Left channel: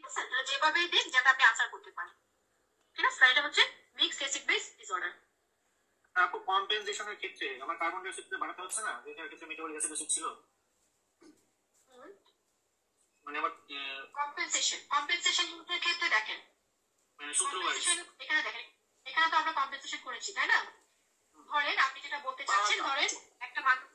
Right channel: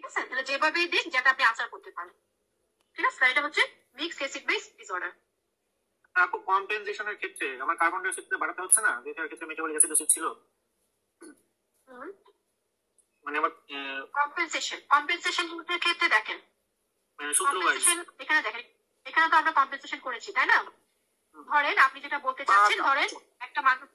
ঠিক আছে, তাহলে যেভাবেই দিক যাতে আপনি আনসার করতে পারেন। ঠিক আছে, এটা হচ্ছে মিক্সড অ্যাসিড বেস ডিসঅর্ডার। আপু কম্পেনসেশনের ক্ষেত্রে আমার কার্বন ডাই অক্সাইড বাড়াতে হচ্ছে না, যেটার ক্ষেত্রে মেটাবলিক অ্যাসিড ছিল, মানে আবার কম্পেনসেশনের ক্ষেত্রে দেখেন সূত্র ওয়াইজ এখানে দেখেন, এখানে তো আমরা কম্পেনসেশন করেছি তাই না। ধরেন আপনি যেটা বলতে চাচ্ছেন, ধরেন একটা মানুষ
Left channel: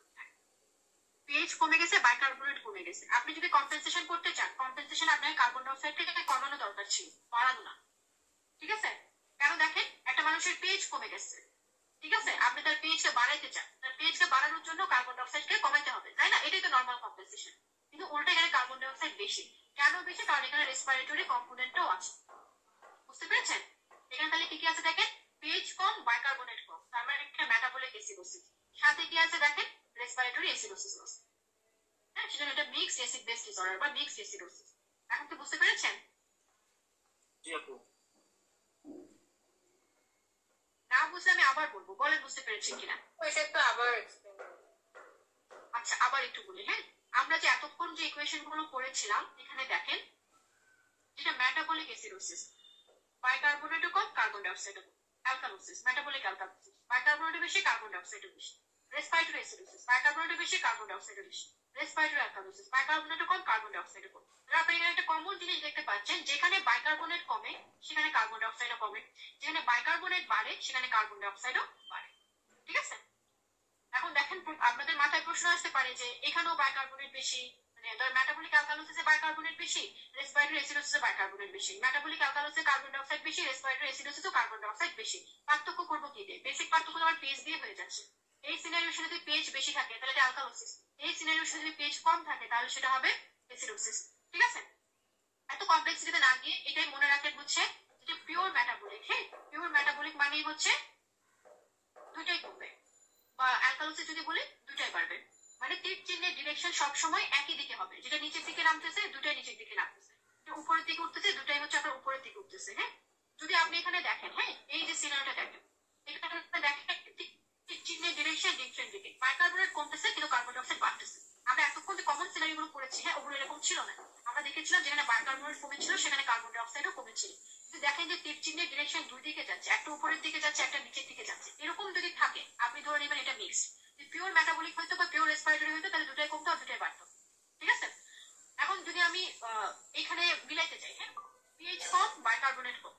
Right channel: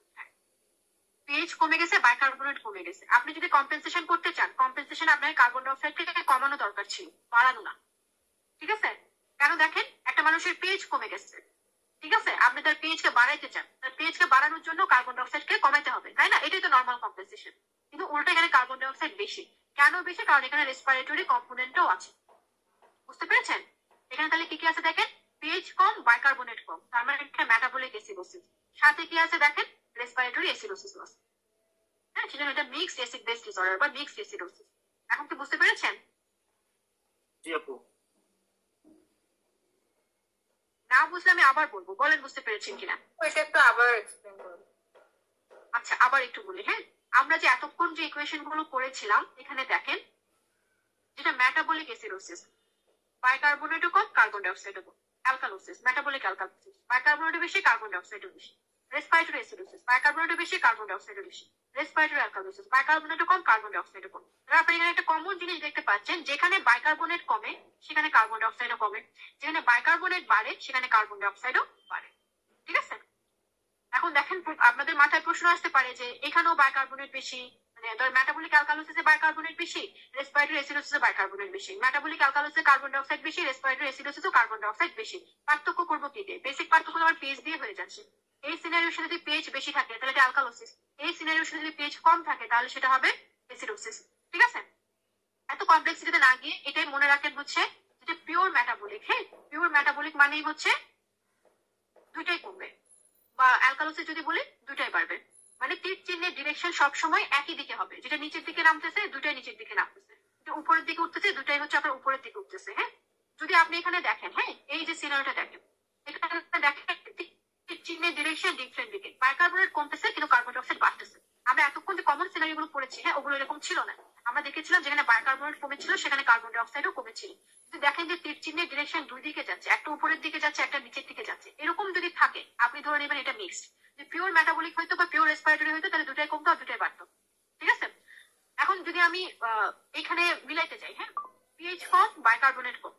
পিএইচ কমে গেছে, বাইকার্বনেট কমে গেছে, আপনি যদি কম্পেনসেশন করতে চান, কম্পেনসেশন আপনাকে কার্বন ডাইঅক্সাইডকে কমানো দরকার ছিল, বাড়ানো না। ঠিক আছে, কেন দেখেন একটা মানুষের পিএইচ কমে গেছে, ঠিক আছে, আপনি তার পিএইচ কে বাড়াইতে চান, তার পিএইচ কে বাড়ানোর জন্য কার্বন ডাইঅক্সাইডকে কমাইতে হবে তাই না, এটাই তো নর্মাল কম্পেনসেশন। কিন্তু উল্টো এখানে কার্বন ডাইঅক্সাইড বেশি, কেন বেশি? কারণ এখানে রেসপিরেটরি কম্পোনেন্টও আছে। বুঝতে পেরেছেন? এখানে তাহলে কি কি আছে দেখেন, পিএইচ কম, বাইকার্বনেট কম, তার মানে এখানে মেটাবলিক অ্যাসিডোসিস, সাথে কি আছে দেখেন, রেসপিরেটরি অ্যাসিডোসিস আছে। হ্যাঁ, সেজন্য এটা মিক্সড অ্যাসিড বেস ডিসঅর্ডার বা মিক্সড অ্যাসিডোসিস। এখন কি বুঝতে পেরেছেন? জি আপু। না বুঝলে আমি আবার বলবো, বলেন বুঝতে পেরেছেন কিনা। এটা একটু আবার এক্সপ্লেইন করুন। আচ্ছা, আবার একটু বলি। হ্যাঁ, আমরা যে এতক্ষণ যে ইকুয়েশন গুলো করেছিলাম, এখানে দেখেন যেটা মেটাবলিক অ্যাসিডোসিস, বাইকার্বনেটও কম, কার্বন ডাইঅক্সাইডও কম। অ্যালকালোসিস, মেটাবলিক অ্যালকালোসিস, বাইকার্বনেটও বেশি, কার্বন ডাইঅক্সাইডও বেশি। রেসপিরেটরি অ্যাসিডোসিস, বাইকার্বনেটও বেশি, কার্বন ডাইঅক্সাইডও বেশি। রেসপিরেটরি অ্যালকালোসিস, বাইকার্বনেটও কম, কার্বন ডাইঅক্সাইডও কম। আপনি এখানে একটা কমন জিনিস দেখতে পাচ্ছেন, যেখানে বাইকার্বনেট কমে সেখানে কার্বন ডাইঅক্সাইডও কমে, যেখানে বাইকার্বনেট বাড়ে সেখানে কার্বন ডাইঅক্সাইডও বাড়ে। ঠিক আছে, এখন দেখেন আপনাদের মাথায় প্রশ্ন আসতে পারে যে এখানেও বাইকার্বনেট বেশি, মানে ধর মেটাবলিক অ্যালকালোসিসে বাইকার্বনেট বেশি, রেসপিরেটরি অ্যাসিডোসিসে বাইকার্বনেট বেশি, মেটাবলিক অ্যালকালোসিসে কার্বন ডাইঅক্সাইড বেশি, রেসপিরেটরি অ্যাসিডোসিসে কার্বন ডাইঅক্সাইড বেশি। পার্থক্য করবো কি দিয়ে? বেসিক পার্থক্য আমার পিএইচ দিয়ে হয়ে যাচ্ছে। এই সিনারিওতে যদি পিএইচ বেশি থাকে তাহলে এটা অ্যালকালোসিস, এই সিনারিওতে যদি পিএইচ কম থাকে তাহলে সেটা হবে অ্যাসিডোসিস। ঠিক আছে, এত কমপ্লেক্সিটিতে না গিয়ে এটাই মনে রাখেন হচ্ছে যেটা পিওর মেটাবলিক। হ্যাঁ, পিওর মেটাবলিক মানেই হচ্ছে দুইটাই কমবে, বা অ্যালকালোসিস যদি বলি দুটাই বাড়বে। মানে তীর চিহ্নের ডিরেকশন সবসময় একই দিকে হবে, যেটা নিচের দিকে নামতেছে দুটাই নিচের দিকে নামতেছে, যেটা উপরের দিকে উঠতেছে দুটাই হচ্ছে আপনার উপরের দিকে উঠতেছে। হ্যাঁ, যদি আপনি এখানে দেখেন, হ্যাঁ এই যে সিনারিওটা দেখেন, এখানে দেখেন তীর চিহ্নের ডিরেকশন ডিফারেন্ট দিকে, বাইকার্বনেট কমতেছে কিন্তু কার্বন ডাইঅক্সাইড বাড়তেছে। আমরা এতক্ষণ যে কমন সিনারিও গুলো পড়েছি, হ্যাঁ ওগুলো এরকম ছিল না। আমরা দেখেছিলাম যেখানে বাইকার্বনেট কমেছিল সেখানে কার্বন ডাইঅক্সাইডও কমেছিল। যদি দেখেন যে তীর চিহ্নের ডিরেকশন দুই দিকে যাচ্ছে, একটা উপরের দিকে যাচ্ছে একটা নিচের দিকে যাচ্ছে, এরকম যদি থাকে আপনি ধরে নেবেন এটা মিক্সড। যে পিওর মেটাবলিক হইতো বা পিওর রেসপিরেটরি হইতো তাহলে দুটাই কমতো আর দুটাই বাড়তো। ঠিক আছে, এখন যদি আমি এখানে মিলাইতে চাই, হ্যাঁ পিএইচ কম, বাইকার্বনেট কম,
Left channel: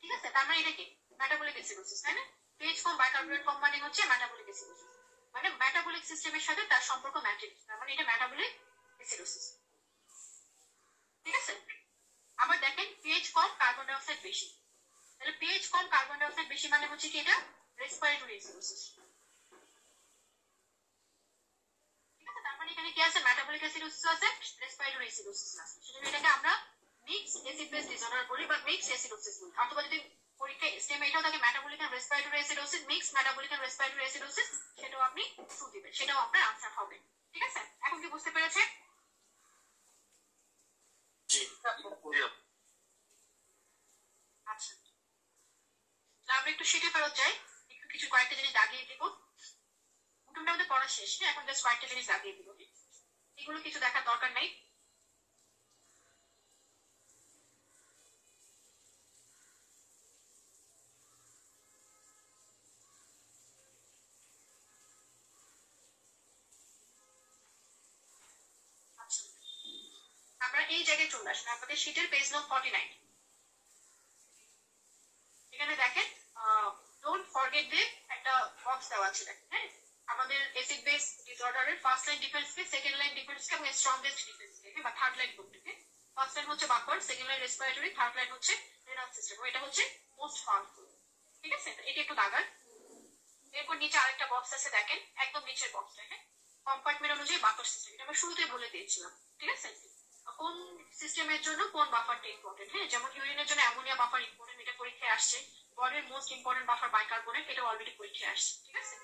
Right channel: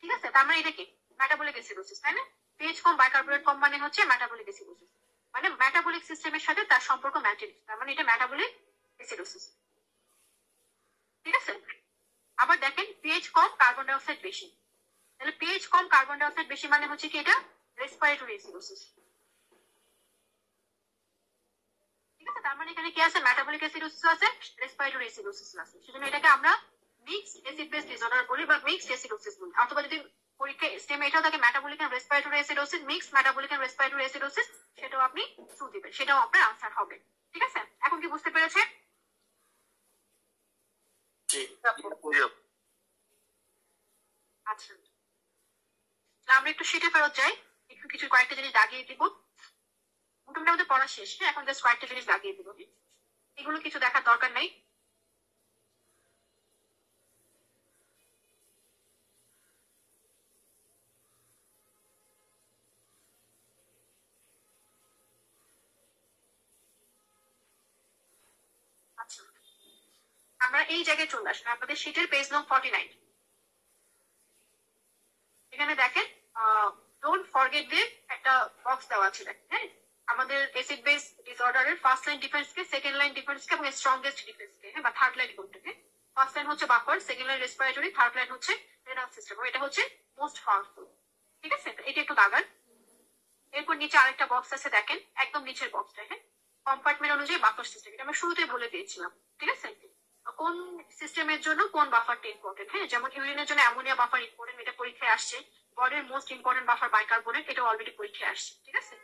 ঠিক আছে, তার মানে এটা কি মেটাবলিক অ্যাসিডোসিস তাই না। পিএইচ কম, বাইকার্বনেট কম মানে হচ্ছে মেটাবলিক অ্যাসিডোসিস, মানে মেটাবলিক সিস্টেমের সাথে তার সম্পর্ক ম্যাটেরিয়াল, তার মানে এটা মেটাবলিক অ্যাসিডোসিস। ঠিক আছে, আবার দেখেন পিএইচ কম, কার্বন ডাইঅক্সাইড বেশি, তাহলে পিএইচ কম, কার্বন ডাইঅক্সাইড বেশি মানে হচ্ছে কি এটা রেসপিরেটরি অ্যাসিডোসিস। ঠিক আছে, তার মানে এখানে কি আছে, মেটাবলিক অ্যাসিডোসিস আছে, রেসপিরেটরি অ্যাসিডোসিস আছে, সেজন্য এটাকে আমরা মিক্সড অ্যাসিড বেস ডিসঅর্ডার বলি বা মিক্সড অ্যাসিডোসিস বলি। অথবা যদি পরীক্ষায় স্টেম এটাও থাকে metabolic and respiratory acidosis, mixed metabolic and respiratory acidosis, সেটাও আপনি ট্রু দিবেন, সেটাও আপনার আনসার হবে। ঠিক আছে, এখন কি বুঝতে পেরেছেন? আচ্ছা, আমরা একটু শিটে ফেরত যাই, একটু কিছু কয়েকটা জিনিস দাগিয়ে দিব। মোটামুটি আমাদের পড়া শেষ, এখন জাস্ট কয়েকটা জিনিস দাগিয়ে দিব, এগুলো কিছু দেখার দরকার নেই। আচ্ছা, আমরা এই জায়গায় চলে আসলাম, আপনাদের শিটের পেজ নং 49। এখানে দেখেন ডোন্ট ফরগেট দিয়ে একটা বক্স দেওয়া আছে দেখেন। হ্যাঁ, আমাদের অ্যাসিড বেস ডিসঅর্ডারের ফার্স্ট লাইন ডিফারেন্স কে, সেকেন্ড লাইন ডিফারেন্স কে এবং স্ট্রংগেস্ট ডিফারেন্স কে, হ্যাঁ বা থার্ড লাইন কোনটা, হ্যাঁ ফার্স্ট লাইন হচ্ছে buffer, second line respiratory, third line হচ্ছে রেনাল সিস্টেম, এটা হচ্ছে মোস্ট পাওয়ারফুল। ঠিক আছে, এটা একটু দাগান। এরপর নিচে আরেকটা বক্স আছে দেখেন, একদম নিচের বক্সটা, হ্যাঁ কম্পার্টমেন্ট অনুযায়ী বাফার সিস্টেম, এটা আমরা শুরুতেই বলে দিয়েছিলাম। ঠিক আছে, কোন সিস্টেমের জন্য কোন বাফারটা ইম্পর্টেন্ট, হ্যাঁ যেমন ইউরিনের জন্য অ্যামোনিয়া বাফার ইম্পর্টেন্ট, এটা পরীক্ষায় আসছে। বডির মোস্ট ইম্পর্টেন্ট বাফার বাইকার্বনেট, এটা অলরেডি পরীক্ষায় আসছে। ঠিক আছে,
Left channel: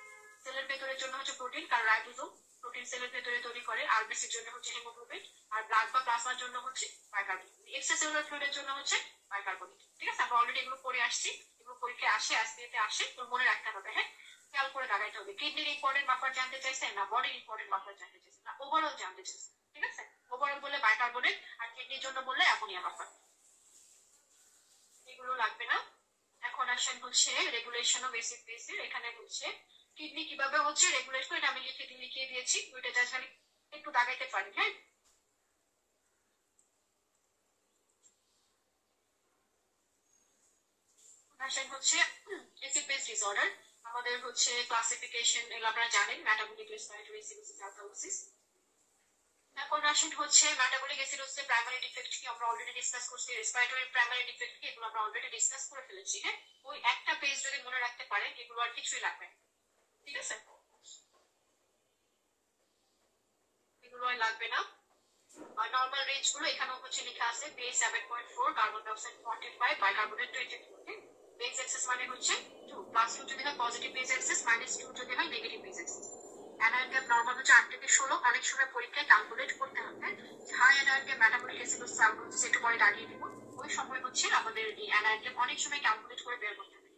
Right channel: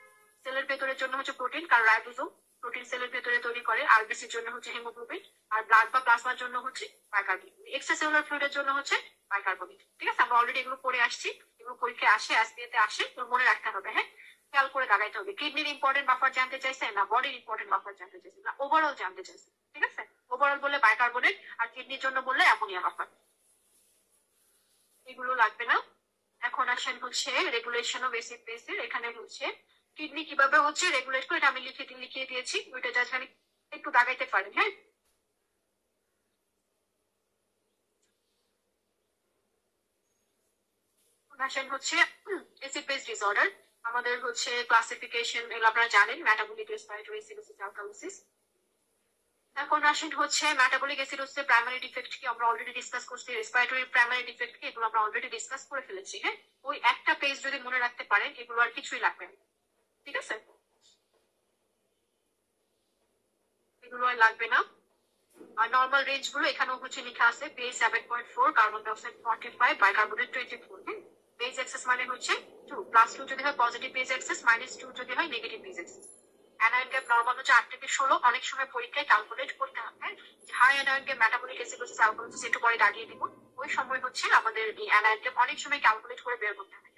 সেলের ভেতরের জন্য হচ্ছে প্রোটিন, কারণ রাইবোজোম প্রোটিন সেলের ভেতরে তৈরি করে, আরবিসির জন্য হচ্ছে হিমোগ্লোবিন, আর ব্লাড বা প্লাজমার জন্য হচ্ছে বাইকার্বনেট, এক্সট্রাসেলুলার ফ্লুইডের জন্য হচ্ছে বাইকার্বনেট। ঠিক আছে, আমরা অলরেডি এগুলো পড়ে আসছি, এগুলো পরীক্ষায় আসে, এসপিএতে আসে, তো মনে রাখতে হবে। হ্যাঁ, খেয়াল করে দাগাইতে হবে। কিডনির ইম্পর্টেন্ট বাফার জানতে চাইছে না, বডির ইম্পর্টেন্ট বাফার জানতে চাইছে না, ওভারঅল জানতে চাইছে। ঠিক আছে, ওভারঅল বললে বাইকার্বনেট, আর কিডনির জন্য বললে অ্যামোনিয়া বাফার। এগুলো লাগবে না। এখন আসেন হচ্ছে রেগুলেশন অফ অ্যাসিড বেসের। এখানে হচ্ছে কিডনি কিভাবে হচ্ছে রেগুলেট করে, এটা আমি লিখিয়ে দিয়েছি, ওইটা জাস্ট খালি একটু দাগাইতে পারি। হ্যাঁ, আসেন হচ্ছে অ্যাসিড বেস ডিসঅর্ডার। আমাদের হচ্ছে ক্লাসিফিকেশন এগুলো আপনারা জানেন, মেটাবলিক, রেসপিরেটরি, অ্যাসিডোসিস, অ্যালকালোসিস। এখন আসেন হচ্ছে মেটাবলিক অ্যাসিডোসিসের প্রাইমারি ডিফেক্ট কি আমরা অলরেডি ডিসকাস করছি, রেসপিরেটরি প্রাইমারি ডিফেক্ট কি এগুলো আমরা অলরেডি ডিসকাস করে ফেলেছি। হ্যাঁ, ওই একটা পেজ যদি মনে রাখতে পারেন এগুলো আর কিছুই লাগবে না। ঠিক আছে, এগুলো আর লাগবে না। আর নর্মাল রেঞ্জ গুলো এখানেও হচ্ছে লেখা আছে, বেস 7.4, কার্বন ডাইঅক্সাইড 45, বাইকার্বনেট 24। হ্যাঁ, বেস এক্সেস মানে হচ্ছে 2 +2 যদি হয় পজিটিভ বেস এক্সেস, -2 যদি হয় negative base excess. Anion gap normal হচ্ছে 8 থেকে 16। অনেক সময় পরীক্ষায় ক্যালকুলেট করতে হবে high anion gap metabolic acidosis, alkalosis একটু পরে দাগিয়ে দিব। ওই সময় হচ্ছে আমাদের এই অ্যানায়ন গ্যাপ অনেক সময় ক্যালকুলেট করে বের করতে হবে।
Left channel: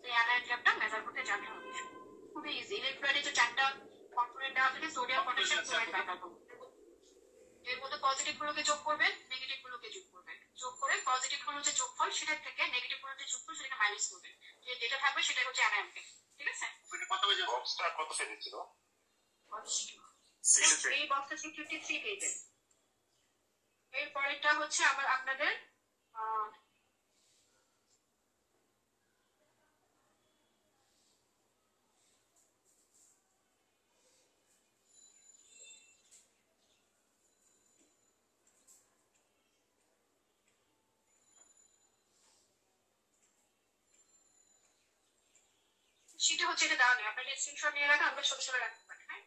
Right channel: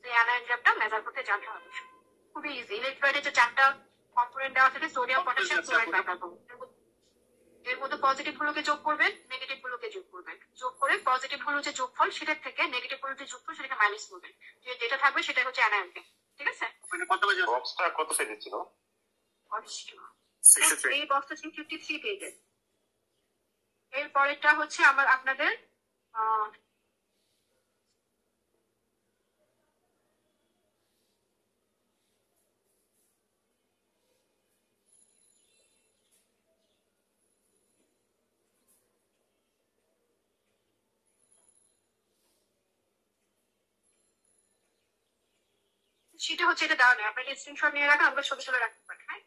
তো এই অ্যানায়ন গ্যাপটা মেজার করতে জানতে হবে। খুবই ইজি। ইলেকট্রোলাইটে যে 4টা কম্পোনেন্ট দেওয়া থাকে, সোডিয়াম, পটাশিয়াম, ক্লোরাইড, বাইকার্বনেট, এর মধ্যে পজিটিভ গুলোকে যোগ করবেন, নেগেটিভ গুলোকে যোগ করবেন। যোগ করে পজিটিভ গুলো যে যোগফল সেটার থেকে নেগেটিভ গুলো যে যোগফল সেটাকে মাইনাস করবেন। যেটা থাকবে সেটাই হচ্ছে অ্যানায়ন গ্যাপ। ঠিক আছে, কত পেজে বক্সটা কত পেজে ছিল? এই বক্সটা ছিল 53 পেজের। এর পরেরটা হচ্ছে আপনাদের সেটা হচ্ছে, এটা দেওয়া নেই, আপনাকে স্ক্রিনশট নিয়ে রাখা, আমরা ছবি ছবি রাখতে পারি। হ্যাঁ,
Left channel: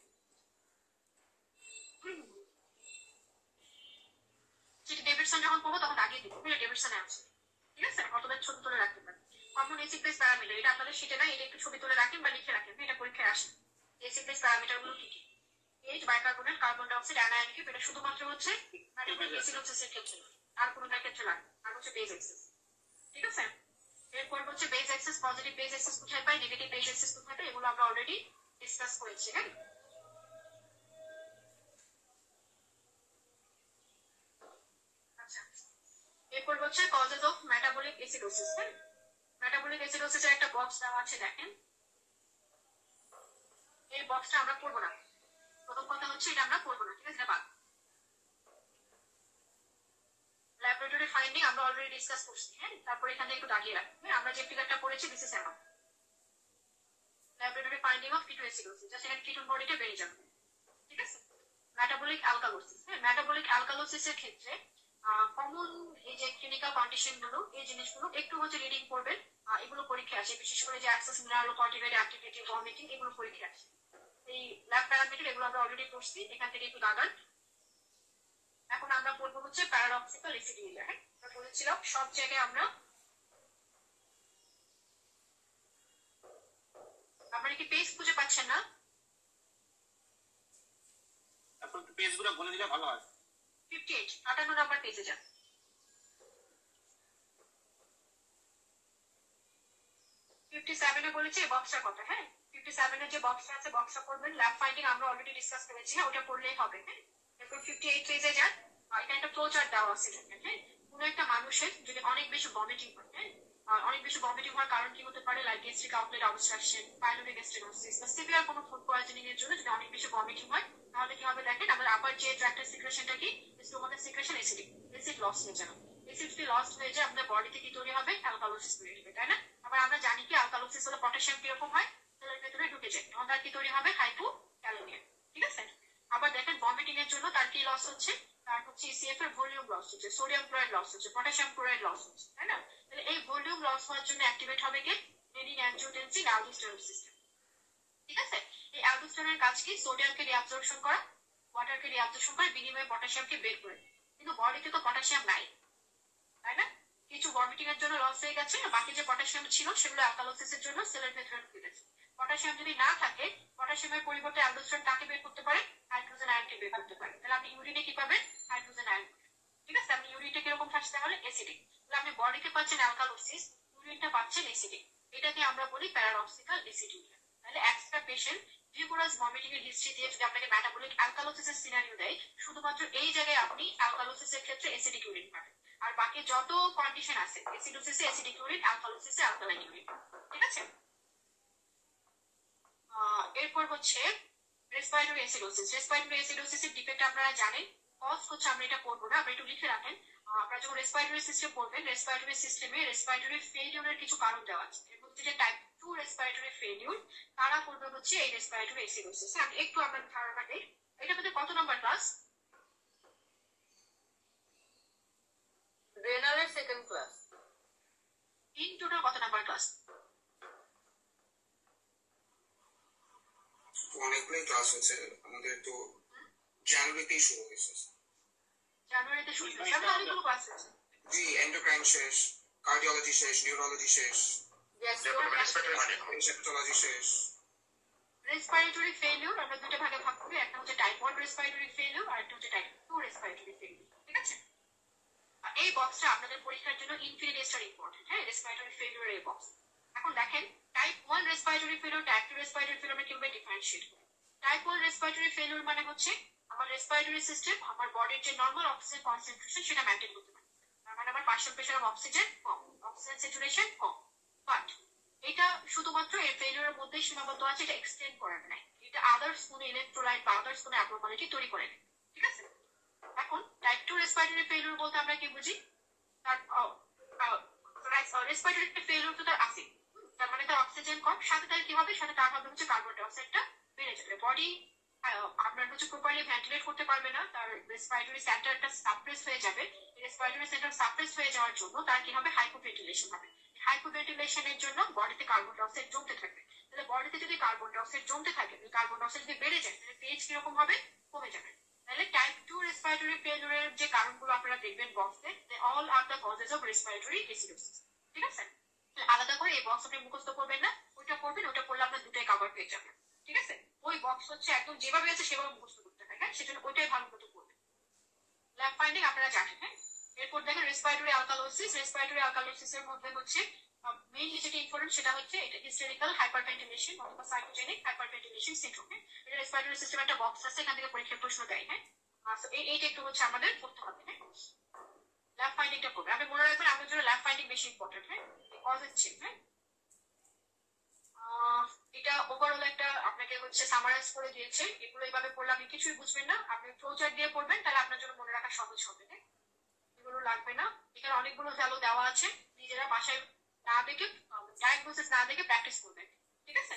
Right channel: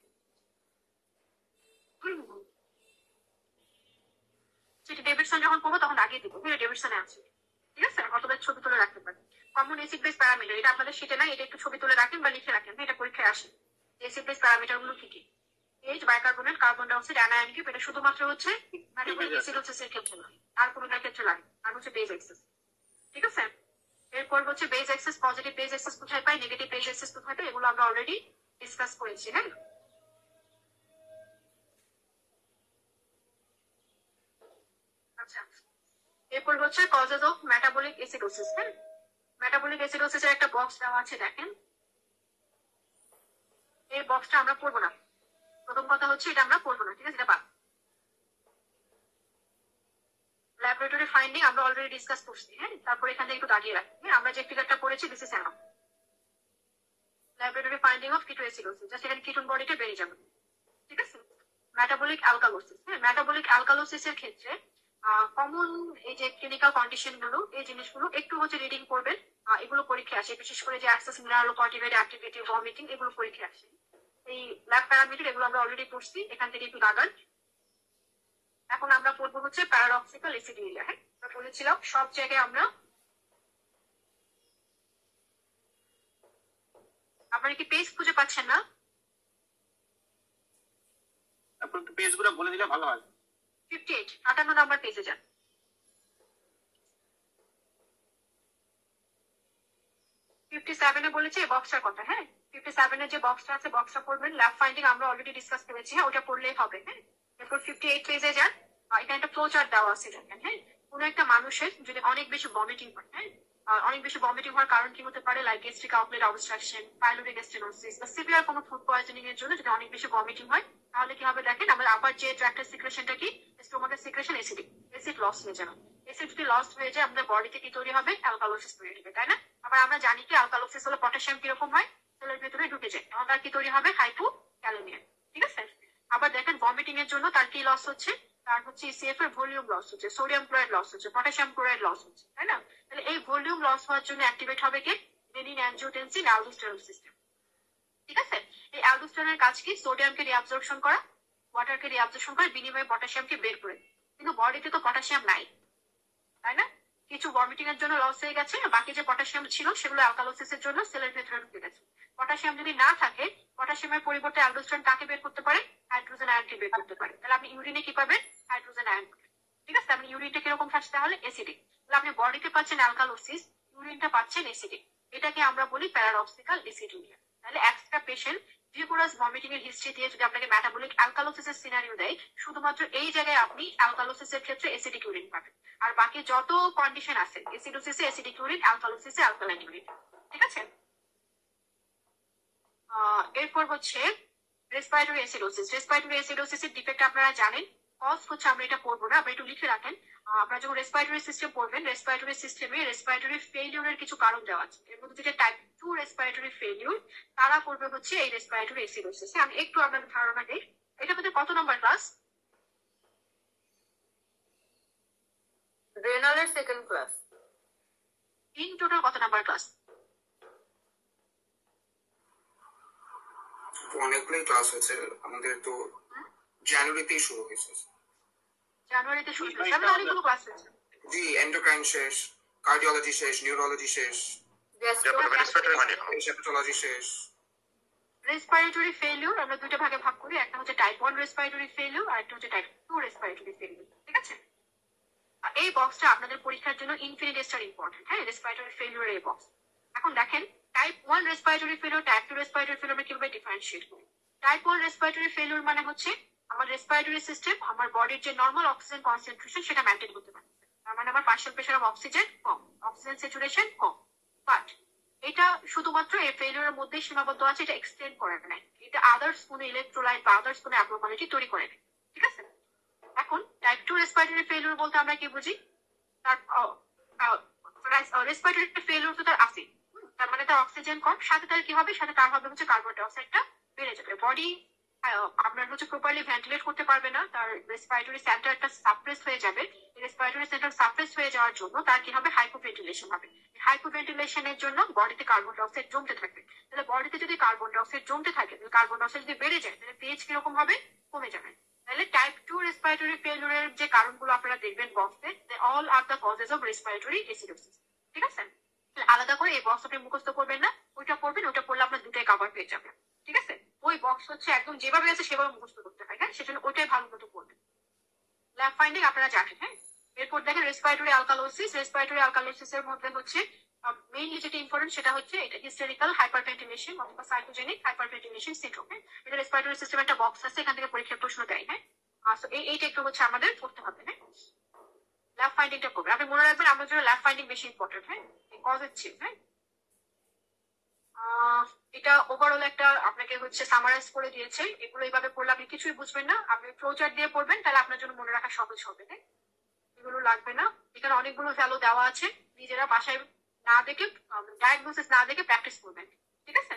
সেটা ডেভিডসন যখন করবো তখন আগে দিব, ডেভিডসনে আছে। ঠিক আছে, অথবা ছবি তুলে রাখতে পারি। কমন এসিড বেস প্যারামিটার, এটা আপনাদের সেটা নাই, এটা একটু ছবি তুলে রাখেন বা লিখে রাখেন, এটা পরীক্ষায় আসে। এসিড বেস প্যারামিটার গুলো কি কি? H, bicarbonate, carbon dioxide, anion gap, এটা শুধুমাত্র হচ্ছে মেটাবলিক অ্যাসিডোসিসের ক্ষেত্রে না, আর কোনোটার ক্ষেত্রে লাগে। আর হচ্ছে বেস এক্সেস। ঠিক আছে, এরপর হচ্ছে base excess, positive base excess কোথায় পাই, নেগেটিভ বেস এক্সেস কোথায় পাই, এগুলো আমরা অলরেডি ডিসকাস করেছি। হ্যাঁ, আচ্ছা, এরপর হচ্ছে কজেস অফ মেটাবলিক অ্যাসিডোসিস। হ্যাঁ, মেটাবলিক অ্যাসিডোসিসের একটা বক্স দেওয়া আছে, দেখেন। এই বক্সটা আমরা পড়বো না। প্রথম কথা হচ্ছে এটা আমরা পড়বো না। ঠিক আছে, এটা বাদ। ল্যাবরেটরি ফাইন্ডিং আমরা অলরেডি ডিসকাস করছি। হ্যাঁ, তারপর এখানে একটু দাগিয়ে রাখি, আমরা যে ফিগারটা পড়েছি this is enough. Laboratory finding of ketoacidosis, just এখানে কিটোন বডিটা বেড়ে যাবে। ঠিক আছে, মেটাবলিক অ্যালকালোসিস। হ্যাঁ, মেটাবলিক অ্যালকালোসিসের ক্ষেত্রে কমন এই যে ক্লিনিক্যাল কন্ডিশন গুলো, এই জিনিসগুলো একটু হচ্ছে রিডিং করবেন। এগুলো পরীক্ষা আসে, বিশেষ করে যে অ্যাক্সেস মিনারেল কন্টিভেট অ্যাক্টিভিটি, ভমিটিং, এগুলো পরীক্ষা আসে। এই ল্যাব প্যারামিটার এগুলো আমরা অলরেডি পড়ছি, এখান থেকে একটু দাগান। এখন আমরা পড়বো হচ্ছে প্যারাডক্সিক্যাল অ্যাসিডুরিয়া। হ্যাঁ, আমরা বলেছিলাম সব জায়গায় আপনারা কি পেজ খুঁজে পাচ্ছেন না? আপনি একটু পেজগুলো বলে দিলে ভালো হয়। 58, 58 নাম্বার পেজে যান। 57-এ বলেছে এই বক্সটার কথা। হ্যাঁ, 57-এর যে বক্সটা আছে, বক্সটা পড়বেন। ল্যাব ফাইন্ডিং আমরা অলরেডি ডিসকাস করেছি। হ্যাঁ, ওটা পড়লেই হবে। হ্যাঁ, এরপর 58 পেজে যান। এখানে একটা ফ্লো চার্ট দেওয়া আছে, দেখেন। হ্যাঁ, কোনো একটা মানুষের যদি অনেক বেশি ভমিটিং হয়, হ্যাঁ, অনেক বেশি ভমিটিং হওয়ার কারণ কি হতে পারে, like gastric outlet obstruction, pyloric stenosis, বা সিভিয়ার কোনো ফুড পয়জনিং এর জন্য যদি অনেক বেশি ভমিটিং হয়, তাহলে কি হবে দেখেন, আমাদের আপার যে ট্র্যাক্টের সিক্রেশনটা কি, স্টোমাকের সিক্রেশন অ্যাসিডিক, অ্যাসিড লস হয়ে যাবে। অ্যাসিড যদি লস হয়ে যায় আমাদের বডিতে কি তৈরি হবে, অ্যালকালোসিস তৈরি হবে, তাই না? আবার আমরা জানি কি অ্যালকালোসিস হলে পটাশিয়াম কিরকম হয়, সেলের ভিতরে ঢুকে যায়, আমাদের কি তৈরি হবে, হাইপোক্যালেমিয়া। ঠিক আছে, আবার দেখেন ভমিটিং এর জন্য তার কি লস হচ্ছে, তার হচ্ছে ইসিএফ এর ভলিউম লস হচ্ছে, সোডিয়াম ক্লোরাইড লস হচ্ছে, পটাশিয়াম ক্লোরাইড লস হচ্ছে, তাই না? তাহলে এই ভলিউম লস হওয়ার জন্য অ্যাক্টিভেট হবে কি, রেনিন অ্যানজিওটেনসিন অ্যালডোস্টেরন সিস্টেম। ঠিক আছে, এই অ্যালডোস্টেরনের কাজ কি, সোডিয়ামকে রিঅ্যাবজর্পশন করা, ওয়াটারকে রিঅ্যাবজর্পশন করে বিনিময়ে পটাশিয়ামকে বের করে। কিন্তু বডিতে তো পটাশিয়াম নাই, তাই না? কিছু ভমিটিং এর জন্য লস হয়ে গেছে, বাকি যে পটাশিয়াম ছিল সেগুলো অ্যালকালোসিসের জন্য সেলের ভেতরে ঢুকে গেছে। পটাশিয়াম যদি না থাকে, পটাশিয়ামের পরিবর্তে অ্যালডোস্টেরন কাকে বের করতে পারে, হাইড্রোজেন আয়নকে বের করতে পারে। তাহলে আপনি ইউরিনে কি পাবেন, হাইড্রোজেন আয়ন। ঠিক আছে, আপনি ইউরিনটা কিরকম খাচ্ছে তাহলে, অ্যাসিডিক। তাহলে আপনি বডিতে পাচ্ছেন অ্যালকালোসিস, ইউরিনটা পাচ্ছেন অ্যাসিডিক। এটাকে আমরা বলি প্যারাডক্সিক্যাল অ্যাসিডুরিয়া। তাহলে একটা পেশেন্ট রিগুলাস ভমিটিং এর হিস্ট্রি দিয়ে যদি আপনাকে মেটাবলিক অ্যালকালোসিসের সিনারিও দেয়, শুধুমাত্র এই জায়গায় আপনি অ্যালকালোসিসের ক্ষেত্রে অ্যাসিডিক ইউরিন পাবেন। আর বাকি যত কন্ডিশন আছে, অ্যাসিডোসিসে অ্যাসিডিক ইউরিন, অ্যালকালোসিসে অ্যালকালাইন ইউরিন। ঠিক আছে? এরপর হচ্ছে রেসপিরেটরি অ্যাসিডোসিস। রেসপিরেটরি অ্যাসিডোসিসের ডিফেক্ট আপনারা জানেন। কজ হচ্ছে আমরা এটা পড়বো না, আমরা একটু লিখে রাখেন। আপনারা যখন রেসপিরেটরি সিস্টেম পড়বেন, রেসপিরেটরি সিস্টেমে রেসপিরেটরি ফেলিউরের কিছু কারণ দেওয়া আছে। এর মধ্যে যেটা টাইপ 2 রেসপিরেটরি ফেলিউর, তারা করবে হচ্ছে এই রেসপিরেটরি অ্যাসিডোসিস। আমি একটু আপনাদের ধারণা দিই, এটা মধ্যে কত নম্বর ক্লাস? রেনালের সেকেন্ড ক্লাস। ইন টোটাল কত নাম্বার ক্লাস? অনেকগুলোই ক্লাস হয়েছে আমাদের, তো জানুয়ারিতেই শুরু হয়েছে। জানুয়ারিতে শুরু হয়েছে, আমাদের অনেকগুলো ক্লাস হয়েছে। জি, এন্ডোক্রাইন শেষ, কার্ডিওলজি শেষ, নিউরোলজি শেষ, হেপাটোলজি শেষ। রেসপিরেটরি ফেলিউর আমরা দুটো ভাগে ভাগ করি, একটা হচ্ছে টাইপ 1 রেসপিরেটরি ফেলিউর আর একটা হচ্ছে টাইপ 2 রেসপিরেটরি ফেলিউর। ঠিক আছে? এই বক্সটা আপনাদের পরীক্ষার জন্য ইনফিনিটেস্টার ইম্পর্টেন্ট। হ্যাঁ, রেসপিরেটরি ফেলিউর এই বক্স। এখন দেখেন type 1 respiratory failure, type 2 respiratory failure আমরা কিভাবে ডিফারেন্সিয়েট করি। টাইপ 1 রেসপিরেটরি ফেলিউর মানে হচ্ছে আমার রেসপিরেটরি সিস্টেম আমার বডির যে নরমাল অক্সিজেন কনসেন্ট্রেশন সেটা মেইনটেইন করতে পারে। তার মানে আমার partial pressure of oxygen com, oxygen saturation com. But এটা শুধুমাত্র এই ফেলিউরের মধ্যে সীমাবদ্ধ আছে, এটা এক্সটেন্ড করে না। এটা আদার্স কোনো ইলেকট্রোলাইট বা আদার্স কোনো অ্যাবনর্মালিটি তৈরি করে না। ঠিক আছে? এখন টাইপ 2 রেসপিরেটরি ফেলিউর বলতে আমরা কি বুঝি? তার রেসপিরেটরি ফেলিউর তো তার আছে, তার মানে তার অক্সিজেন কম, সাথে তার কি হবে, সাথে তার হবে হচ্ছে কার্বন ডাই অক্সাইডটা বেড়ে যাবে। বডি আপনার হচ্ছে প্রপারলি ভেন্টিলেট করতে পারবে না, তার রেসপিরেটরি সেন্টারটা সাপ্রেস হয়ে যাবে। রেসপিরেটরি সেন্টার সাপ্রেস হয়ে যাওয়ার জন্য তার কি হবে, হাইপোভেন্টিলেশন হবে। হাইপোভেন্টিলেশনের জন্য বডিতে কার্বন ডাই অক্সাইড জমতে থাকবে। তাহলে বডিতে যদি কার্বন ডাই অক্সাইড জমতে থাকে, কার্বন ডাই অক্সাইড যদি বেড়ে যায়, তাহলে পিএইচ কিরকম হবে, কমে যাবে। তাহলে টাইপ 2 রেসপিরেটরি ফেলিউরের যে কারণগুলো আপনারা দেখবেন বক্সে, they all are the causes of respiratory acidosis. ঠিক আছে? আলাদা করে এই বক্স আপনি মুখস্থ করবেন না, ওইটা পড়বেন, ওইটা পড়লে আপনার দুটাই কভার পেয়ে যাবেন। ঠিক আছে? ওই বক্স হচ্ছে একদম যেভাবে আছে সেভাবে মুখস্থ করতে হয়। হ্যাঁ, সেজন্য ওইটাই ভালো মতো করবেন। ল্যাব ফাইন্ডিং আপনারা জানেন। হ্যাঁ, এরপর দেখেন রেসপিরেটরি অ্যালকালোসিস। রেসপিরেটরি অ্যালকালোসিস এর মধ্যে হচ্ছে মেইনলি যেটা ইম্পর্টেন্ট সেটা হচ্ছে এটা হিস্টেরিক্যাল হাইপারভেন্টিলেশন অথবা সাইটোজেনিক হাইপারভেন্টিলেশন সিনড্রোম। এটা রেসপিরেটরি সিস্টেম একটা বক্স আছে, এখান থেকে পরীক্ষার প্রশ্ন দেয়। হ্যাঁ, এইটা একটু হচ্ছে আমাদের করতে হবে। হ্যাঁ, ল্যাব ফাইন্ডিংটা করবে। আপনি মনে রাখবেন আমাদের জন্য ল্যাব ফাইন্ডিং বেশি ইম্পর্টেন্ট। হ্যাঁ, কজের চেয়ে। হ্যাঁ, এটা ওভারঅল একটা আপনাকে হচ্ছে সামারাইজ করে দিয়েছে। এগুলো এইভাবে পড়লে আপনি কিছুই বুঝবেন না, আপনি ফ্লোচার্ট দিয়ে পড়বেন, তাহলে আপনার জন্য মনে রাখা সহজ হবে। হ্যাঁ, এগুলো লাগবে না। এখানে অনেকগুলো ভ্যালু দেওয়া আছে, নিজেরা বাসায় না দেখে, ডায়াগনোসিস না দেখে প্র্যাকটিস করবেন। ঠিক আছে?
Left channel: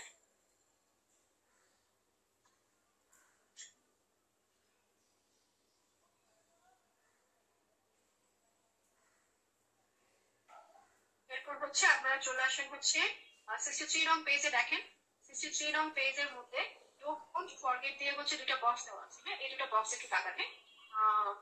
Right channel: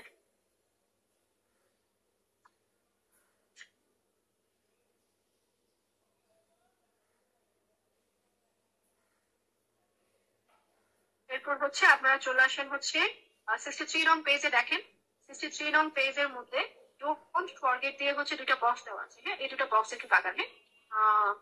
এরপর হচ্ছে আপনারা চলে আসেন হচ্ছে 63 নং পেজে। দেখেন 63 নং পেজের মধ্যে ডোন্ট ফরগেট দিয়ে হচ্ছে দুটো বক্স দেওয়া আছে। হ্যাঁ, এই দুটো বক্স একটু দাগান। হ্যাঁ,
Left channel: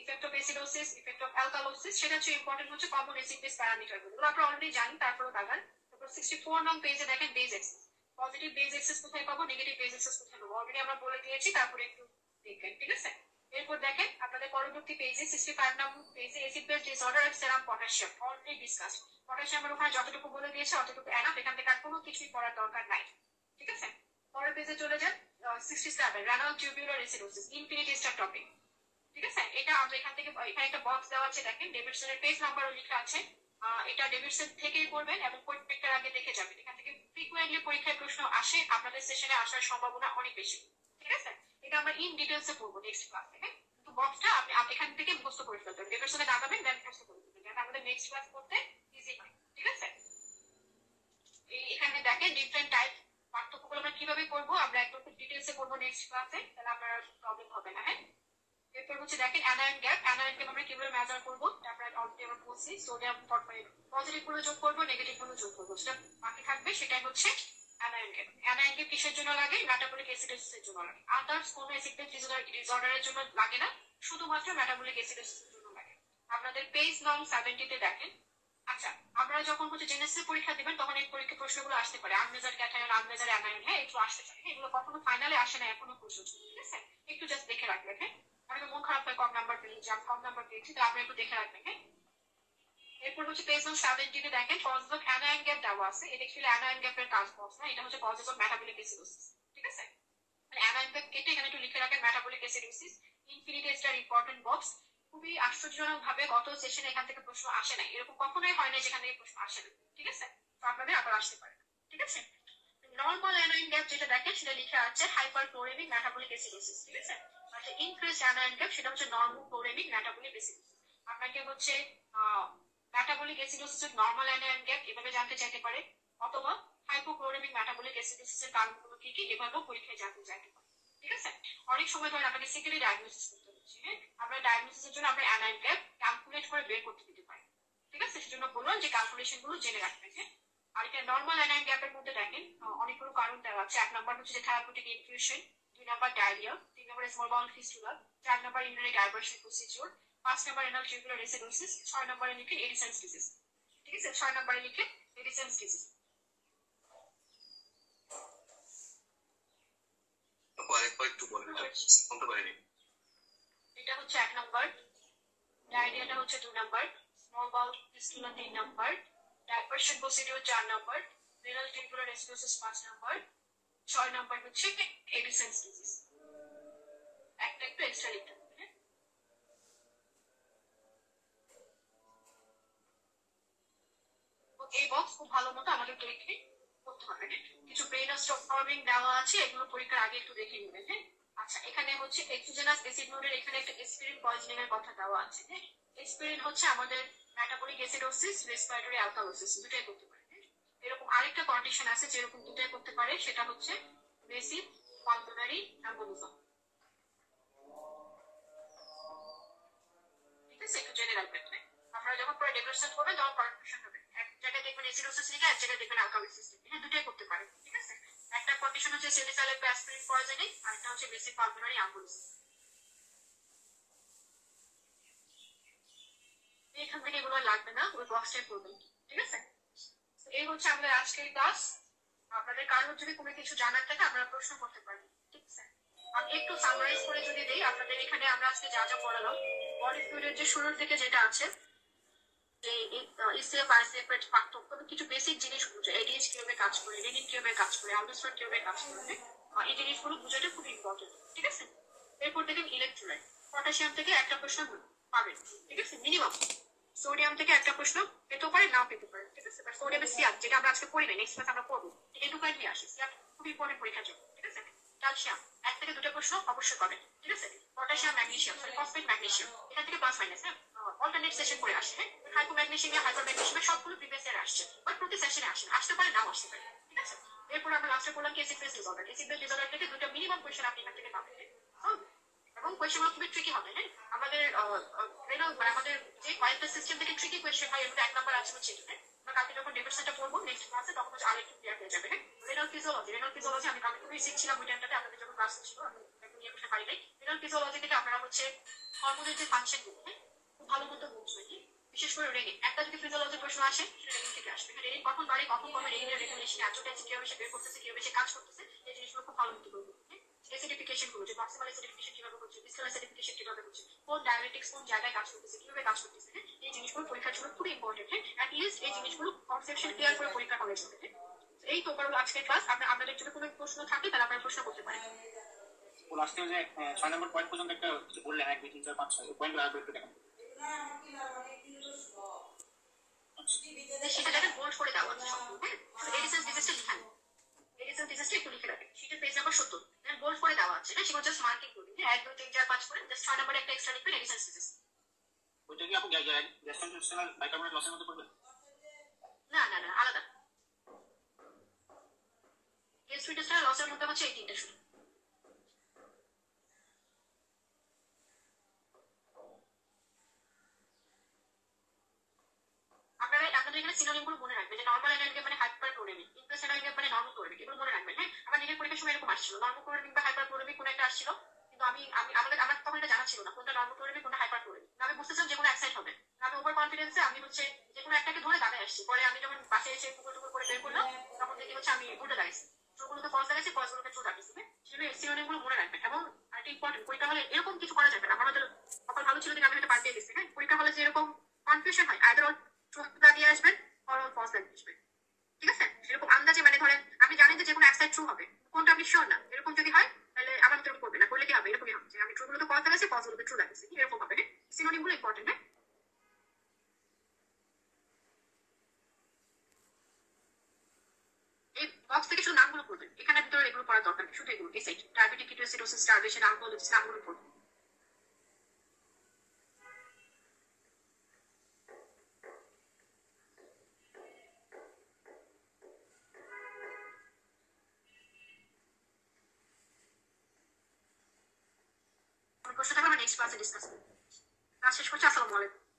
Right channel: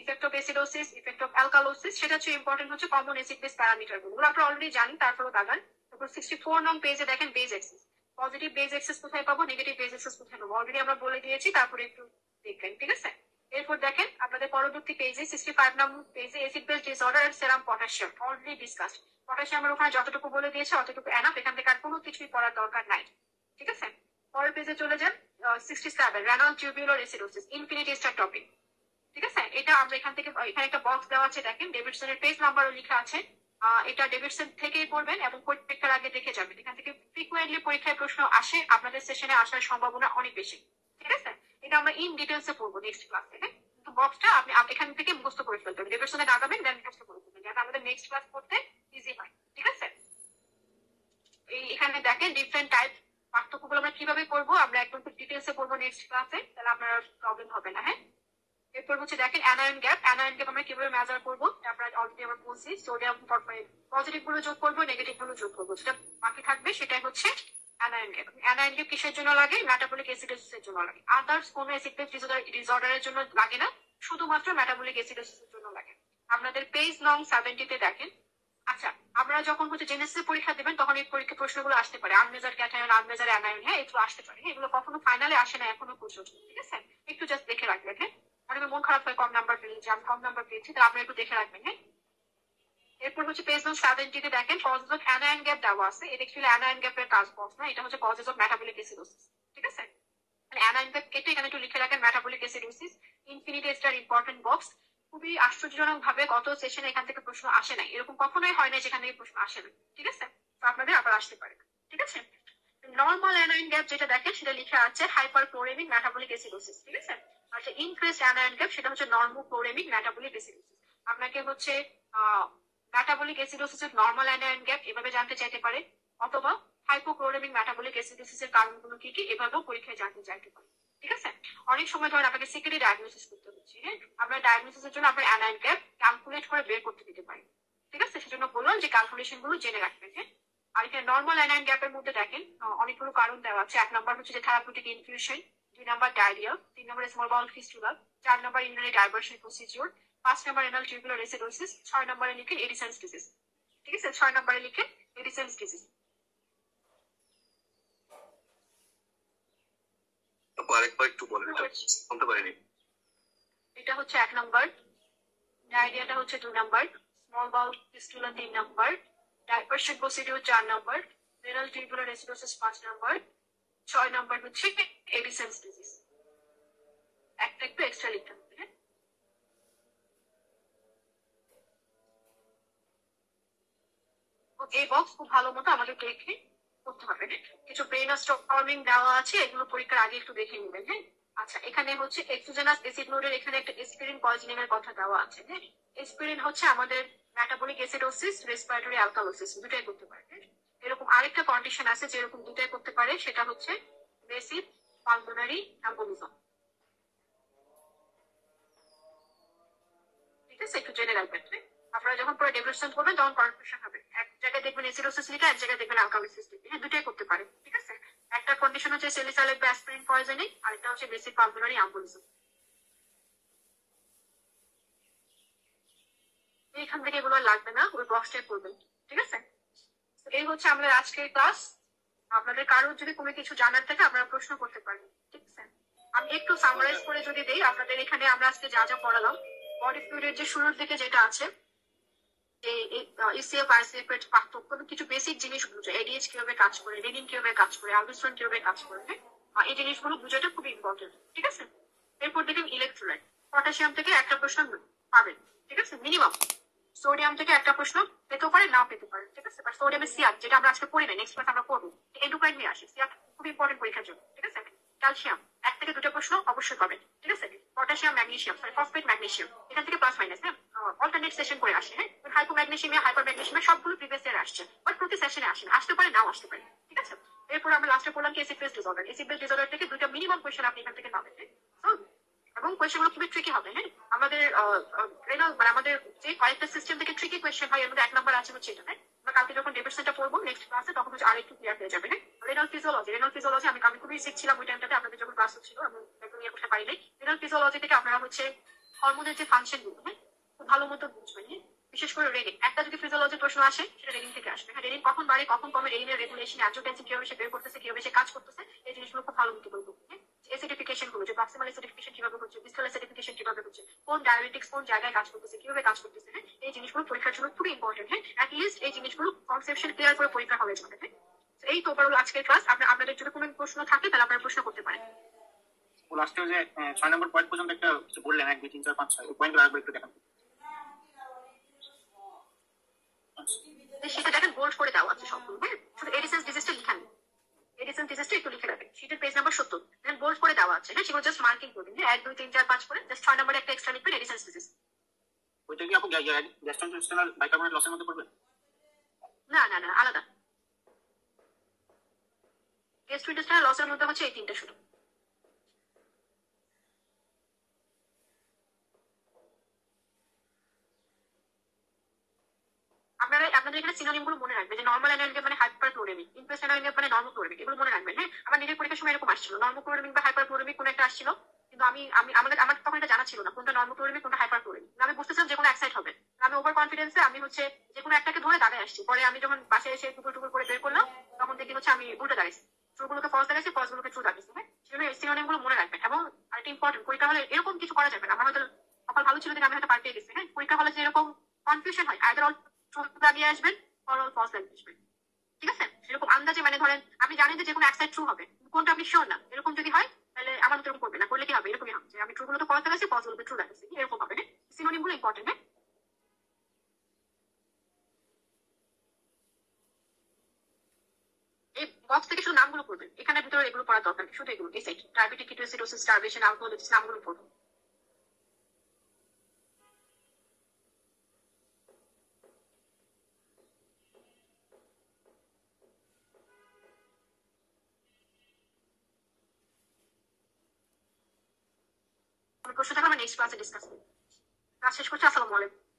effect of acidosis, effect of alkalosis, সেটা হচ্ছে ইম্পর্টেন্ট হচ্ছে কমন অ্যাসিড বেস প্যারামিটার গুলো আপনারা অলরেডি জানেন, তারপরে দাগান। তারপর 64 নং পেজে দেখেন base excess. Positive base excess কোথায় পাবো, নেগেটিভ বেজ এক্সিস কোথায় পাবো, অলরেডি আমরা বলে দিয়েছি, তারপরে একটু দেখবেন। ঠিক আছে? এরপর দেখেন আপনাদের পরবর্তী পেজে 65 নং পেজে acid base disorder and serum potassium already discuss. পটাশিয়ামের ওখানে যতটুকু বলে দিয়েছে অতটুকু এনাফ, এখান থেকে আর কোনো কিছুই পড়ার দরকার নাই। ঠিক আছে? পরের পেজে চলে যান 67 রেনাল টিউবুলার অ্যাসিডোসিস, ইনফিনিটেস্টার টপিক। ঠিক আছে? এটা আমরা এখান থেকে, এখানে একটা বক্স দেওয়া আছে, দেখেন ডেভিডসনের পেজ নাম্বারও লেখা আছে। এটা ডেভিডসন থেকেই করবেন এবং পরীক্ষার আগে দেখে যাবেন। এখান থেকে ফ্রিকুয়েন্টলি পরীক্ষায় প্রশ্ন আসে, আপনাদের সেশনে আসার সম্ভাবনা অনেক বেশি। ঠিক আছে? এটা আমরা ইন ডিটেলসে পড়বো নেক্সট ক্লাসে। হ্যাঁ, তো বক্সটা আপনি এখান থেকে মুখস্থ করে ফেলতে হবে, ডেভিডসনে দাগাবেন, দেন মুখস্থ করে ফেলবেন, যাতে আমাদের নেক্সট ক্লাস করতে ইজি হয়। ঠিক আছে? এখানে দেখেন ডিফারেন্ট টাইপ পার্থক্যগুলো আমরা কিভাবে করবো, আমরা একদম খুব ডিটেলসে করবো নেক্সট ক্লাসে, তাহলে আপনার প্রবলেম হবে না। হ্যাঁ, এরপর হচ্ছে দেখেন অ্যানায়ন গ্যাপ। অ্যানায়ন গ্যাপ আমরা কিভাবে মেজার করবো, আমরা অলরেডি আমরা বলছি। সোডিয়াম পজিটিভ গুলো যোগ করবো, নেগেটিভ গুলো যোগ করবো, যেটা বাকি থাকবে সেটাই হচ্ছে অ্যানায়ন গ্যাপ। অ্যানায়ন গ্যাপ কিসের জন্য লাগে, মেটাবলিক অ্যাসিডোসিসের জন্য লাগে। আদার্স কোনো অ্যাসিড বেস ডিসঅর্ডারের জন্য লাগে না, শুধুমাত্র মেটাবলিক অ্যাসিডোসিসের জন্য লাগে। আপনাদের পেজ নং 70 তে দেখেন। আচ্ছা, আপনারা যখন হচ্ছে জেনেসিস পরীক্ষা দেবেন তখন এই পরীক্ষা প্রশ্নগুলো আসতে পারে, আনমেজার ক্যাটায়ন, আনমেজার অ্যানায়ন। হ্যাঁ, এগুলো আসতে পারে। এগুলো কখনো ফাইনালে আসে না এখনো পর্যন্ত। ঠিক আছে? একটু জাস্ট দেখে রাখবেন। হ্যাঁ, অনেকের মন খারাপ হয় কম নাম্বার পেয়েছি, আমি কম নাম্বার পেয়েছি, তো আপনি একটু দেখে রাখবেন। হ্যাঁ, এরপর হচ্ছে পেজ নং 70 তে দেখেন কজেস অফ অ্যানায়ন গ্যাপ দেওয়া আছে। এটা অ্যাকচুয়ালি অ্যানায়ন গ্যাপের কাজ বক্স না, এটা হচ্ছে কজেস অফ মেটাবলিক অ্যাসিডোসিস। ঠিক আছে? মানে অ্যানায়ন গ্যাপ কেটে এখানে একটু লিখে রাখেন মেটাবলিক অ্যাসিডোসিস ইনফিনিটেস্টার ইম্পর্টেন্ট বক্স। খুবই আশ্চর্যজনক ভাবে গত সেশনে এখান থেকে প্রশ্ন আসে নাই, এরকম কখনোই হয় না যেখান থেকে প্রশ্ন আসে না, ঠিক আছে? তো আপনাদের আবার আসতে পারে, ঠিক আছে? নর্মাল অ্যানায়ন গ্যাপ যেটা দেখেন সেটা লিখে আছে হাইপারক্লোরেমিক মেটাবলিক অ্যাসিডোসিস, ঠিক আছে? আচ্ছা ইনক্রিজড অ্যানায়ন গ্যাপ সেটা হচ্ছে নর্মোক্লোরেমিক মেটাবলিক অ্যাসিডোসিস। আপনাকে হচ্ছে মেটাবলিক অ্যাসিডোসিসের নর্মাল অ্যানায়ন গ্যাপ এভাবে জানতে চাইতে পারে, অথবা হাইপোক্লোরেমিক মেটাবলিক অ্যাসিডোসিসের কারণগুলো কি কি এভাবেও পরীক্ষায় জানতে চাইতে পারে, ঠিক আছে? অনেক সময় ধরেন আপনাকে সেকেন্ডারি ডায়াগনোসিস করতে হচ্ছে, হ্যাঁ, আমরা ডায়াগনোসিসের জন্য আপনার অ্যানায়ন গ্যাপ ক্যালকুলেট করে বের করতে দিতে পারি, ঠিক আছে? সেজন্য বললাম যে ক্যালকুলেশন গুলো জেনে রাখবেন, হ্যাঁ। আর এখানে নর্মাল অ্যানায়ন গ্যাপের মধ্যে দেখেন অনেকগুলো কারণ দেওয়া আছে। 1 নাম্বার হচ্ছে যে therapeutic infusion, 2 number diarrhoea, 3 number small bowel fistula, 4 number urinary diversion procedure, 5 number renal tubular acidosis, 6 নাম্বারে লিখেন এডিসন্স ডিজিজ, ঠিক আছে? 6 নাম্বারে লিখেন এডিসন্স ডিজিজ। আরেকবার একটু বলেন, এটা শুনতে পারিনি। এটা হচ্ছে 1 নাম্বার, ডায়রিয়াটা হচ্ছে 2 number, small bowel fistula 3 number, diversion procedure 4 number, renal tubular acidosis 5 number, 6 number হচ্ছে এডিসন্স ডিজিজ। একটা একটু এক্সট্রা লিখতে হবে, হ্যাঁ। এই বক্স খুব ভালো মতো আমাদের দেখে করতে হবে, হ্যাঁ। কিছু ব্রেন স্টর্মিং দেওয়া আছে, এগুলো পরীক্ষার আগে একটু দেখে নেবেন, হ্যাঁ। আচ্ছা এখানে হচ্ছে এক্সোজেনাস অ্যাসিড নোডের এখানে একটা এসপিরিন পয়জনিং এর কথা দেওয়া আছে, হ্যাঁ। এসপিরিন হচ্ছে আমাদের মেটাবলিক অ্যাসিডোসিস, রেসপিরেটরি অ্যালকালোসিস দুটাই করতে পারে, হ্যাঁ। এরকম আরেকটা কন্ডিশন আছে যেরকম দুটাই করতে পারে, সেটা হচ্ছে বেসিক পালমোনারি এম্বোলিজম, ঠিক আছে? একটু জেনে রাখবেন, হ্যাঁ। আপনারা যখন পুরো ডেভেলপমেন্ট করবেন তখন কনফিউশন হবে, এক জায়গায় দেখবেন অ্যাসিডোসিস লিখে এক জায়গায় দেখবেন অ্যালকালোসিস লিখে, হ্যাঁ দুটাই করতে পারে, ঠিক আছে? একটা কন্ডিশন হচ্ছে সেলিসাইলেট বা অ্যাসপিরিন পয়জনিং, আরেকটা হচ্ছে বেসিক পালমোনারি এম্বোলিজম। এখান থেকে এগুলো লাগবে না, ওই বক্সটাই করবেন, ঠিক আছে? এই হচ্ছে আমাদের আজকের ক্লাস। আপনাদের কারোর যদি কোনো কিছু জানার থাকে আপনারা প্রশ্ন করতে পারেন, ঠিক আছে? আমি একটু সামারাইজ করে যদি দেই, আপনাদের এখানে আমরা আজকে যা যা পড়ালাম, বডি ফ্লুইডের যে শুরুর দিকে যেটা আছে, যে ইসিএফ আইসিএফ এর পার্থক্য, কিছু বেসিক জিনিস বুঝে, এডিএইচ কিভাবে কাজ করে, রেনিন কিভাবে কাজ করে, অ্যালডোস্টেরন কিভাবে কাজ করে, এই জিনিসগুলো বুঝাটা খুব ইম্পর্টেন্ট, ঠিক আছে? এরপর দেখেন ইলেকট্রোলাইট, পটাশিয়াম থেকে একটা প্রশ্ন পাবেন, ঠিক আছে? মিনিমাম সোডিয়াম থেকে একটা প্রশ্ন পেতেও পারে, না পেতে পারে, ঠিক আছে? বাট সোডিয়ামের সিয়ার যেটা আমরা আজকে পড়ি না, নেক্সট ক্লাস আমরা পড়বো, এন্ডোক্রাইন নিয়ে আসি, সিয়ার খুব ইম্পর্টেন্ট পরীক্ষার জন্য, ঠিক আছে? ক্যালসিয়াম 1 থেকে 2টা প্রশ্ন অবশ্যই পাবেন, ঠিক আছে? পটাশিয়াম, ম্যাগনেসিয়াম, ফসফেট, ম্যাগনেসিয়াম এখান থেকে প্লাস মাইনাস, হ্যাঁ, অল্টারনেট সেশন করে আসে, হ্যাঁ। হাইপোম্যাগনেসিয়াম, হাইপারম্যাগনেসিয়াম সবগুলো প্রিভিয়াস ইয়ার আসছে, বাট প্রতি সেশনে আসে না, আসতে পারে নাও আসতে পারে, ঠিক আছে? এরপর আমরা লাস্টে পড়লাম কি acid base disorder. Acid base disorder থেকে 2টা মিনিমাম কোয়েশ্চেন আপনি এখান থেকে পাবেন, হ্যাঁ। এবং কোয়েশ্চেনগুলো খুবই ট্রিকি হবে, হ্যাঁ। আমাদের রেনাল মানে আমাদের যে কয়েকটা সিস্টেম থেকে ট্রিকি কোয়েশ্চেন হয়, এর মধ্যে 1 নাম্বার আছে হচ্ছে এটা, হ্যাঁ। আমরা কালকে যখন ডেভিডসনটা পড়বো নেক্সট ক্লাসে, তখন হচ্ছে আরেকটু ক্লিয়ার হয়ে যাবে, হ্যাঁ। রেনাল ফিজিওলজি আমি খুবই শিখছিলাম ওই টাইমটাতে, আপনাদের যখন ক্লাস হচ্ছিল আমি একদম ইয়ে করতে পারি নাই। রেনাল ফিজিওলজি থেকে আপনারা হচ্ছে হরমোনের যে ফাংশন গুলো, হ্যাঁ, খুব ভালো মতো বুঝবেন, হ্যাঁ। বিশেষ করে রেনিন, একটা যদি ফিজিওলজি প্রশ্ন আসে সেটা রেনিন থেকে আসবে, হ্যাঁ। রেনিন কখন বাড়ে কখন কমে, রেনিনের রেগুলেশন, অ্যাডজুটেন্সি কিভাবে সে বের করতেছে, কিভাবে সে কাজ করতেছে, এই জিনিসগুলো খুব ভালো মতো বলবো, হ্যাঁ। এসিডিফিকেশন গুলো, যে প্রক্সিমাল এসিডিফিকেশন কিভাবে হচ্ছে, ডিসটাল এসিডিফিকেশন কিভাবে হচ্ছে, কোন ডায়াবেটিক্স কোন জায়গায় কাজ করতেছে, কিভাবে কাজ করতেছে, হ্যাঁ। এই জিনিসগুলো পরীক্ষার জন্য খুবই ইম্পর্টেন্ট, হ্যাঁ। অ্যাট লিস্ট এই জিনিসগুলো কনসেপশন ক্লিয়ার করে পরীক্ষা হলে যাবে, হ্যাঁ। এই তো ওভারঅল আজকের ক্লাস। আপনাদের যদি কোনো প্রশ্ন থাকে তাহলে আপনারা প্রশ্ন করতে পারেন। ও লাস্টে যে 6 নম্বর পয়েন্ট পর্যন্ত একটা কিছু বললেন, 1 2 3 4 5 6 এই পয়েন্টগুলো আরেকবার একটু দেখান। সেটা দেখেন বোল্ড করে দেওয়া আছে সবগুলো, হ্যাঁ। শুধু এডিসেন্স ডিজিজটা লিখে নেন, এডিসেন্স ডিজিজটা একটু লিখে রাখেন, শীটের পেজ নাম্বার 70, দেন বোল্ড করে দেওয়া আছে, হ্যাঁ। সেগুলো জাস্ট মার্কিং করবেন, হ্যাঁ। 1 2 3 4 5 করে জাস্ট 6 নম্বরে একটা এক্সট্রা লিখবেন এডিসেন্স ডিজিজ। ওইটা কি আপু গ্যাস্ট্রোইন্টেস্টাইনাল বাইকার্বনেট লসের মধ্যে পড়বে? না না না, আলাদা। গ্যাস্ট্রোইন্টেস্টাইনাল লসের মধ্যে হচ্ছে এই 3টা শুধু। আপনাদের এখানে সিনোনিম গুলো মনে রাখবেন, যে নর্মাল অ্যানায়ন মানে হাইপারক্লোরেমিক, ইনফ্লুয়েন্স অ্যানায়ন মানে নর্মোক্লোরেমিক, এগুলো মনে রাখবেন, হ্যাঁ। আমার নিজের পরীক্ষার সময় এরকম আসছিল, নর্মোক্লোরেমিক বা হাইপারক্লোরেমিক কোন একটা আসছিল, কিন্তু আমার তখন এটা জানা ছিল না কোনটা নর্মোক্লোরেমিক কোনটা হাইপারক্লোরেমিক। আমি বুঝতেছিলাম যে কোনো এক সাইড হবে, আমি ওভার কনফিডেন্সে আমি হচ্ছে যে কোনো একটাকে ধরে দাঁড়ায় আসছি। পরে আমি যখন বাসায় এসে টুকুর টুকুর করে বের করলাম, তখন দেখি হচ্ছে আমি উল্টে দাঁড়াইছি, ট্রুগুলোকে ফলস দাঁড়াইছি, ফলসগুলোকে ট্রু দাঁড়িয়েছি, হ্যাঁ। সেজন্য সিনোনিম গুলো মনে রাখবেন। এবং আরেকটা ইম্পর্টেন্ট, পরীক্ষা হলে এরকম কিছু করা যাবে না, আমার হয়তো কপাল ভালো ছিল যে আমি হয়তো পার পেয়ে গেছি, হ্যাঁ। পরীক্ষা হলে যে এরকম কনফিউশন হয়, আইদার অল ট্রু দাঁড়িয়ে আসবেন অর অল ফলস দাঁড়িয়ে আসবেন, ঠিক আছে? এরকম আন্দাজে, মানে ধরেন আমি জানি যে কোনো এক সাইড ট্রু হবে, কোনটা আপনি শিওর না, এরকম যদি হয় তাহলে আমার মতো এরকম করবে না, করলে কি হবে? এরকমই হবে যে আমি ট্রু গুলো তো পড়াতে গেছি, ফলস গুলোতে ট্রু লাগছে, এরকম হবে। হ্যাঁ, সিনোনিম গুলো ইম্পর্টেন্ট। হ্যাঁ, এই বক্স থেকে শুধু নামগুলো পড়বেন, এখানে ভিতরে এগুলো পড়ার দরকার নেই, শুধু এগুলো এই সাইড ডায়াবেটিক কিটোসিডোসিস স্টারভেশন অ্যালকোহলিকস নামগুলো পড়বেন। প্রশ্ন থাকলে আমরা নেক্সট ক্লাসে ডিসকাস করবো। ক্লাস শেষ করছি। আসসালামু আলাইকুম।